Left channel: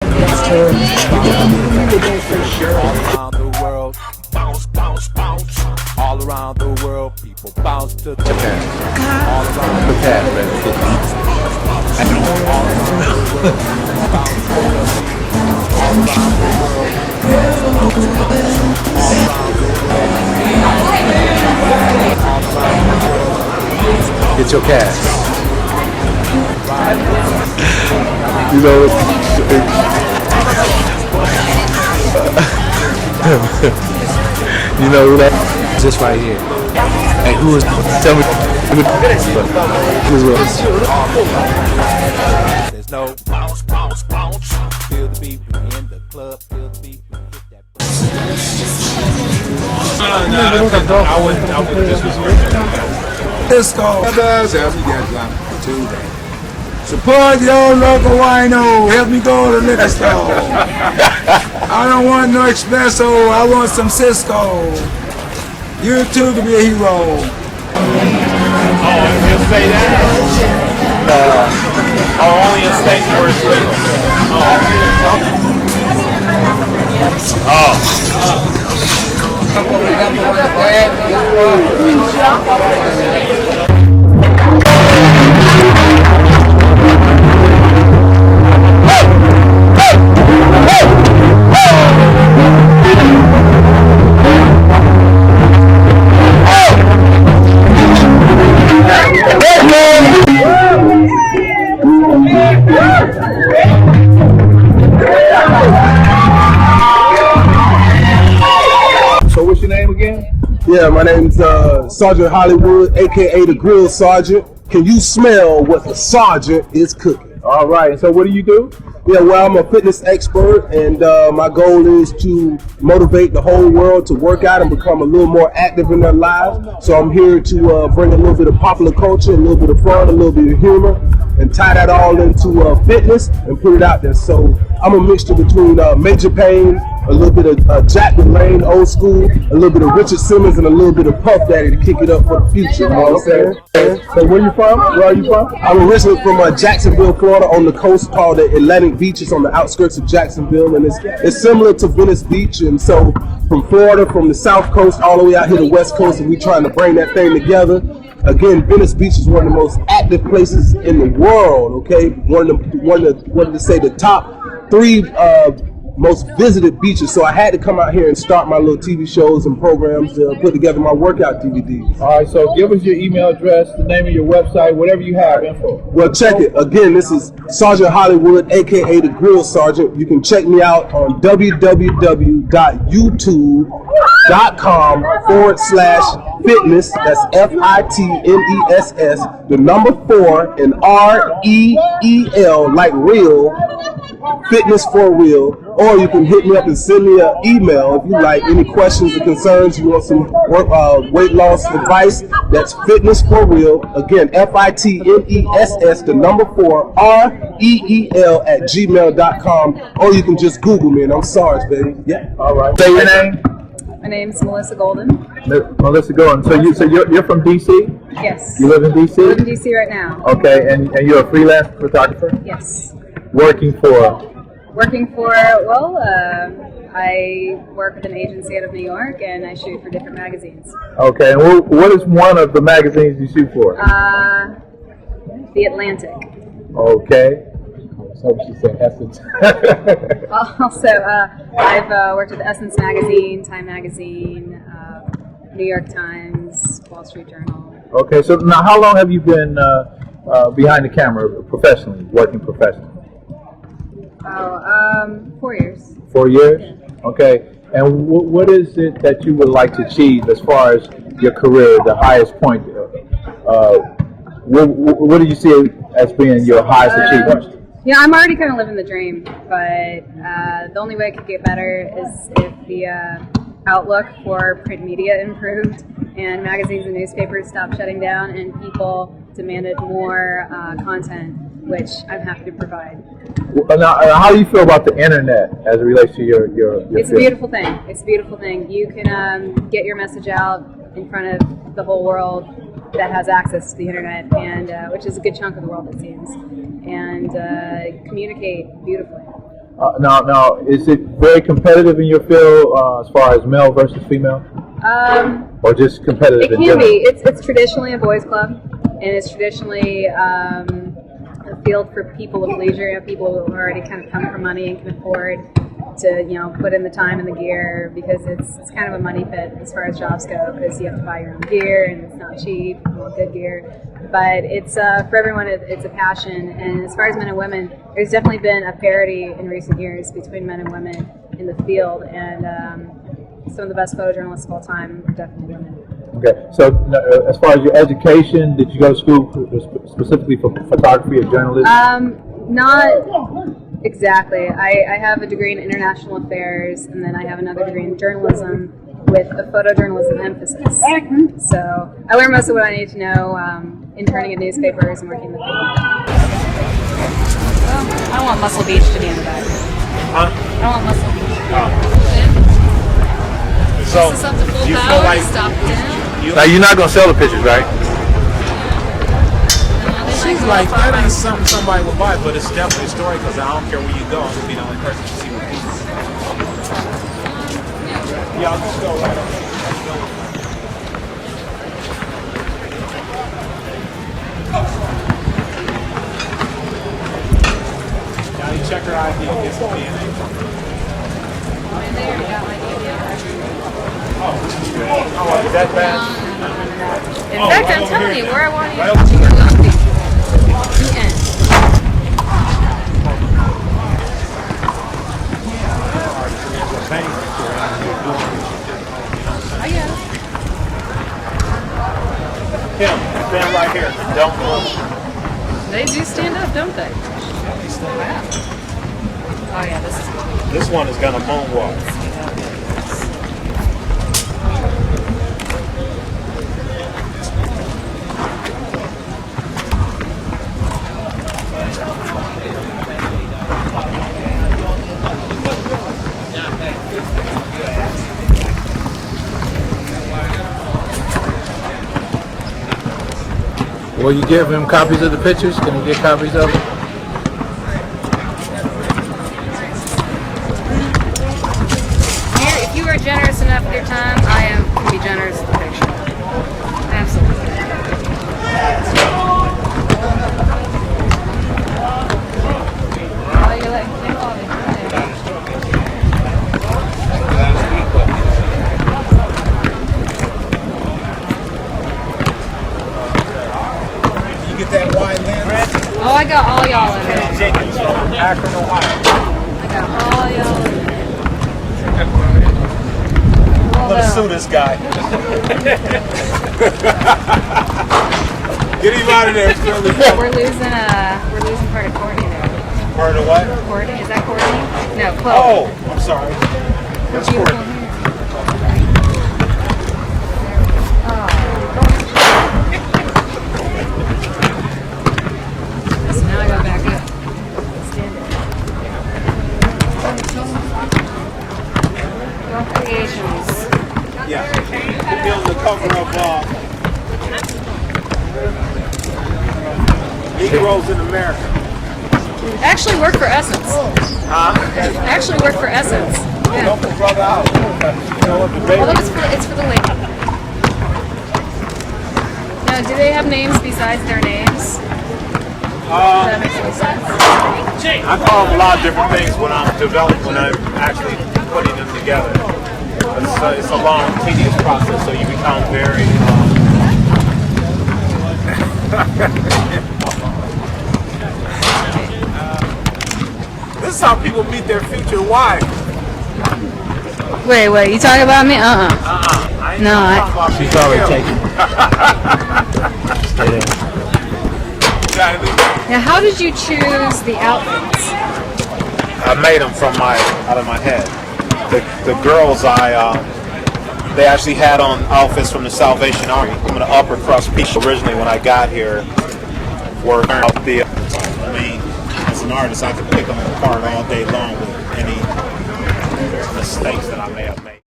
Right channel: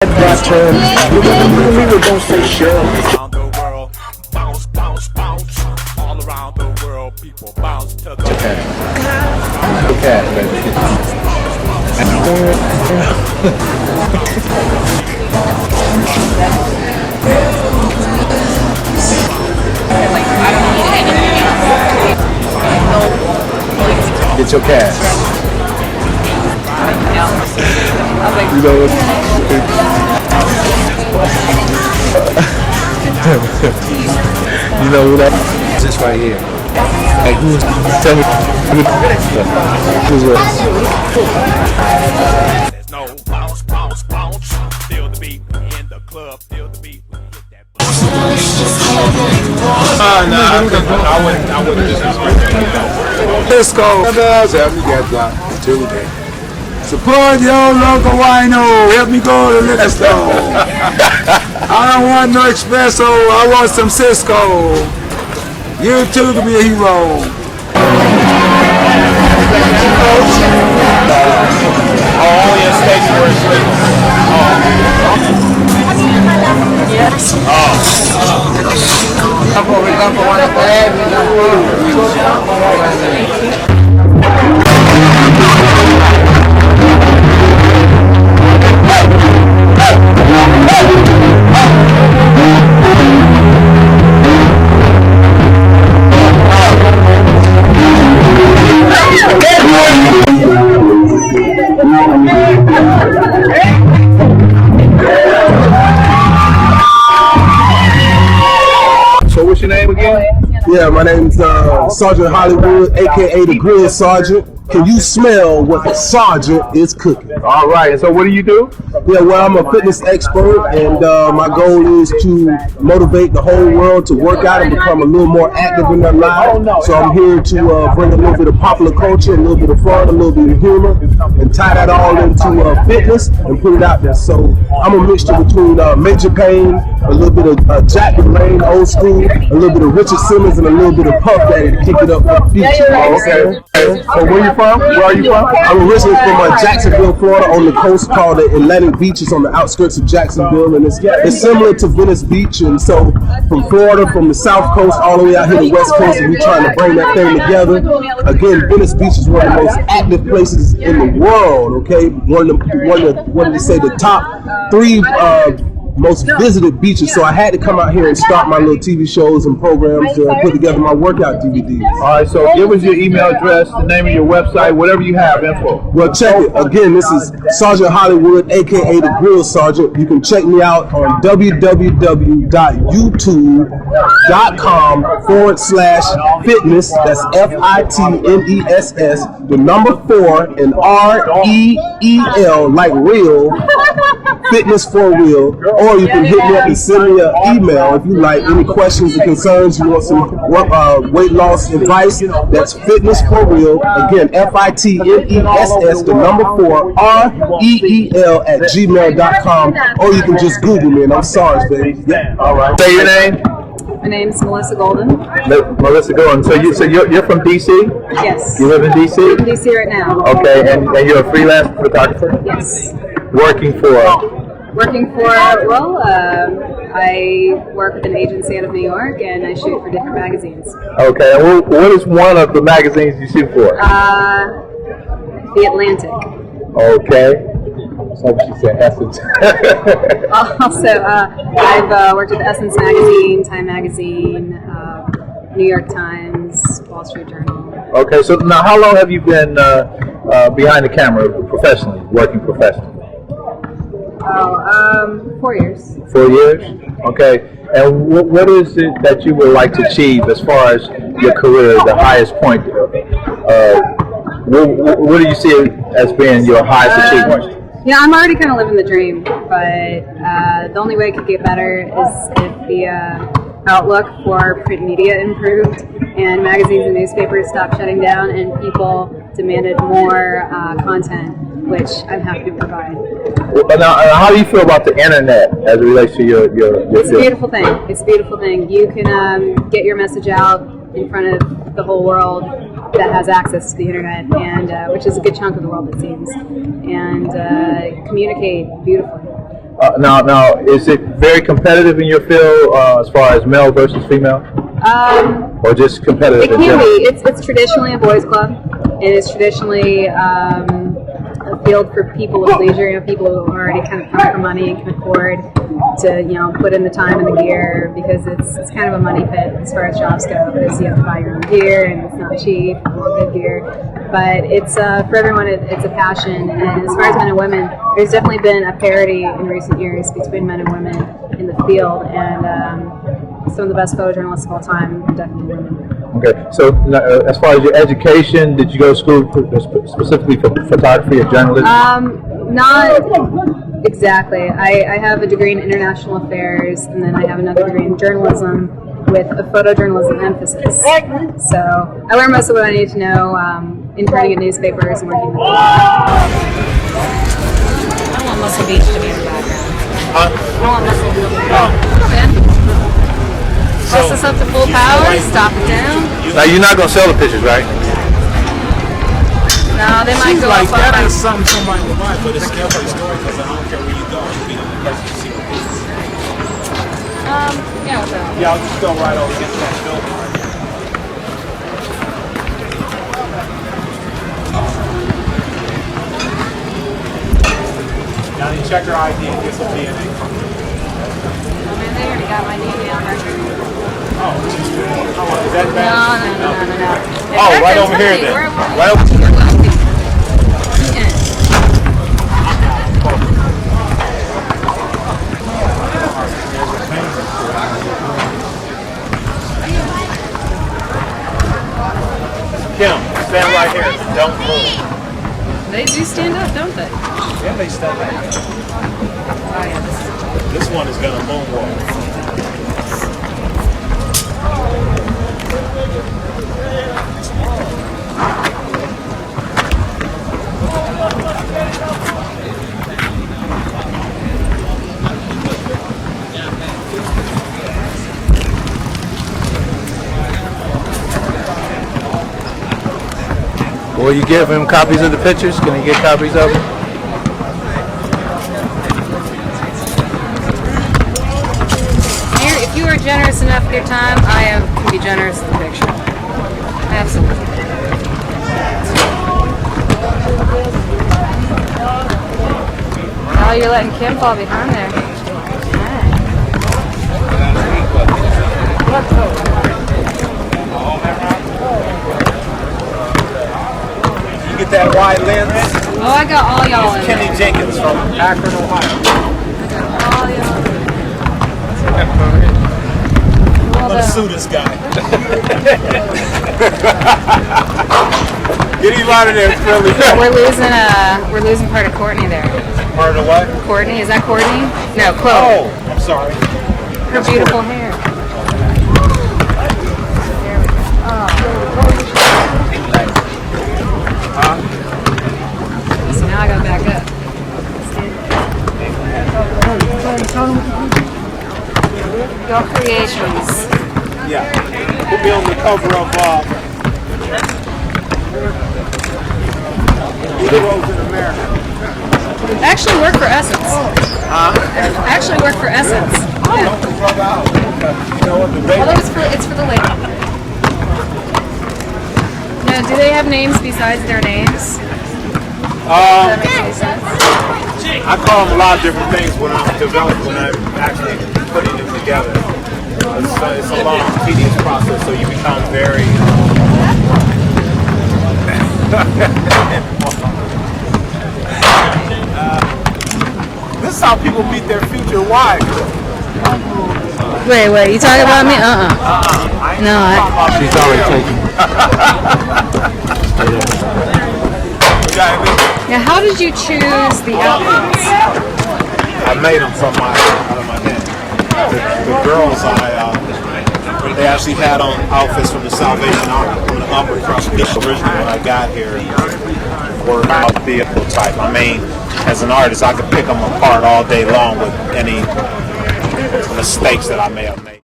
That term. Around the world, bounce, bounce, bounce. All around the world, people bounce to the Japan. Japan, baby. Get your cash. You know, you know who that is? This right here. Hey, who is? Tell me. This way. There's no bounce, bounce, bounce. Feel the beat in the club, feel the beat. No, I wouldn't disrespect them like that. Let's go. Help me get drunk today. Support your local wino. Help me go to the liquor store. I don't want no espresso. I want some Cisco. You too can be a hero. Yeah, my name's Sergeant Hollywood, aka the Grill Sergeant. Can you smell what the sergeant is cooking? All right. So what do you do? Yeah, well, I'm a fitness expert, and my goal is to motivate the whole world to work out and become a little more active in their lives. So I'm here to bring a little bit of popular culture, a little bit of fun, a little bit of humor, and tie that all into fitness and put it out there. So I'm a mixture between Major Payne, a little bit of Jack LaLanne, old school, a little bit of Richard Simmons, and a little bit of Puff Daddy to kick it up for the future. You know what I'm saying? So where you from? Where are you from? I'm originally from Jacksonville, Florida, on the coast called the Atlantic Beach. It's on the outskirts of Jacksonville, and it's similar to Venice Beach. And so from Florida, from the south coast all the way out here to the west coast, and we're trying to bring that thing together. Again, Venice Beach is one of the most active places in the world, okay? One of the top three most visited beaches. So I had to come out here and start my little TV shows and programs to put together my workout DVDs. All right. So give us your email address, the name of your website, whatever you have info. Well, check it. Again, this is Sergeant Hollywood, aka the Grill Sergeant. You can check me out on www.youtube.com/fitness. That's FITNESS, the number 4 and REEL, like real. Fitness for real, or you can hit me up and send me an email if you like any questions or concerns. You want some weight loss advice? That's fitness for real. Again, FITNESS, the number 4 REEL at gmail.com, or you can just Google me and I'm Sarge, baby. Yeah. All right. Your name? My name's Melissa Golden. Melissa Golden. So you're from DC? Yes. You live in DC? I live in DC right now. Okay, and you're a freelance photographer? Yes. Working for? I work with an agency out of New York, and I shoot for different magazines. Okay, and what is one of the magazines you shoot for? The Atlantic. Okay. So she said Essence. Also, I've worked with Essence Magazine, Time Magazine, New York Times, Wall Street Journal. Okay, so now how long have you been behind the camera professionally, working professionally? 4 year. 4 years? Yeah. Okay. And what is it that you would like to achieve as far as your career, the highest point? What do you see as being your highest achievement? Yeah, I'm already kind of living the dream, but the only way it could get better is if the outlook for print media improved and magazines and newspapers stopped shutting down and people demanded more content, which I'm happy to provide. Now, how do you feel about the internet as it relates to your It's a beautiful thing. It's a beautiful thing. You can get your message out in front of the whole world that has access to the internet, and which is a good chunk of the world, it seems, and communicate beautifully. Now, is it very competitive in your field as far as male versus female, or just competitive? It can be. It's traditionally a boys' club, and it's traditionally a field for people of leisure, people who already kind of come for money and can afford to put in the time and the gear, because it's kind of a money pit as far as jobs go, because you have to buy your own gear and it's not cheap. You want good gear, but it's for everyone. It's a passion, and as far as men and women, there's definitely been a parity in recent years between men and women in the field, and some of the best photojournalists of all time are definitely women. Okay, so as far as your education, did you go to school specifically for photography or journalism? Not exactly. I have a degree in international affairs, and then I have another degree in journalism with a photojournalism emphasis. So I learned most of what I need to know interning at newspapers and working in the field. I don't want Muscle Beach to be in the background. I don't want Muscle Beach to be in the background. Bust this up to full power, stop it down. No, they might. She's like, that ain't something somebody would buy, but it's definitely a story, because I don't care where you go, you'll be the only person to see what it is. Yeah, so. Yeah, I'll just go right over here. Johnny, check her ID and get some DNA from her. Oh man, they already got my DNA on record. Oh, this is good. Oh, is that bad? No. Oh, right over here then. Right over You're wealthy. The end. There's a pain up here. Oh yeah. They do stand up, don't they? Yeah, they stand up. This one is gonna moonwalk. Will you give him copies of the pictures? Can we get copies of it? Oh, you're letting Kim fall behind there. You get that wide lens? Oh, I got all y'all in there. I'm gonna sue this guy. Get him out of there, Philly. We're losing part of Courtney there. Part of what? Courtney, is that Courtney? No, Chloe. Oh, I'm sorry. Her That's beautiful Courtney. hair. There we go. Oh. So now I gotta back up. Stand up. Creations. Yeah. Put me on the cover of Actually work for Essence. Actually work for Essence. Yeah. Although it's for the lady. Now, do they have names besides their names? If that makes any sense. Wait, you talking about me? No, She's already taken. Stay there. Now, how did you choose the outfits? I made them out of my head. The girls, they actually had on outfits from the Salvation Army, from the upper crust piece originally when I got here. Were type. I mean, as an artist, I could pick them apart all day long with any mistakes that I made.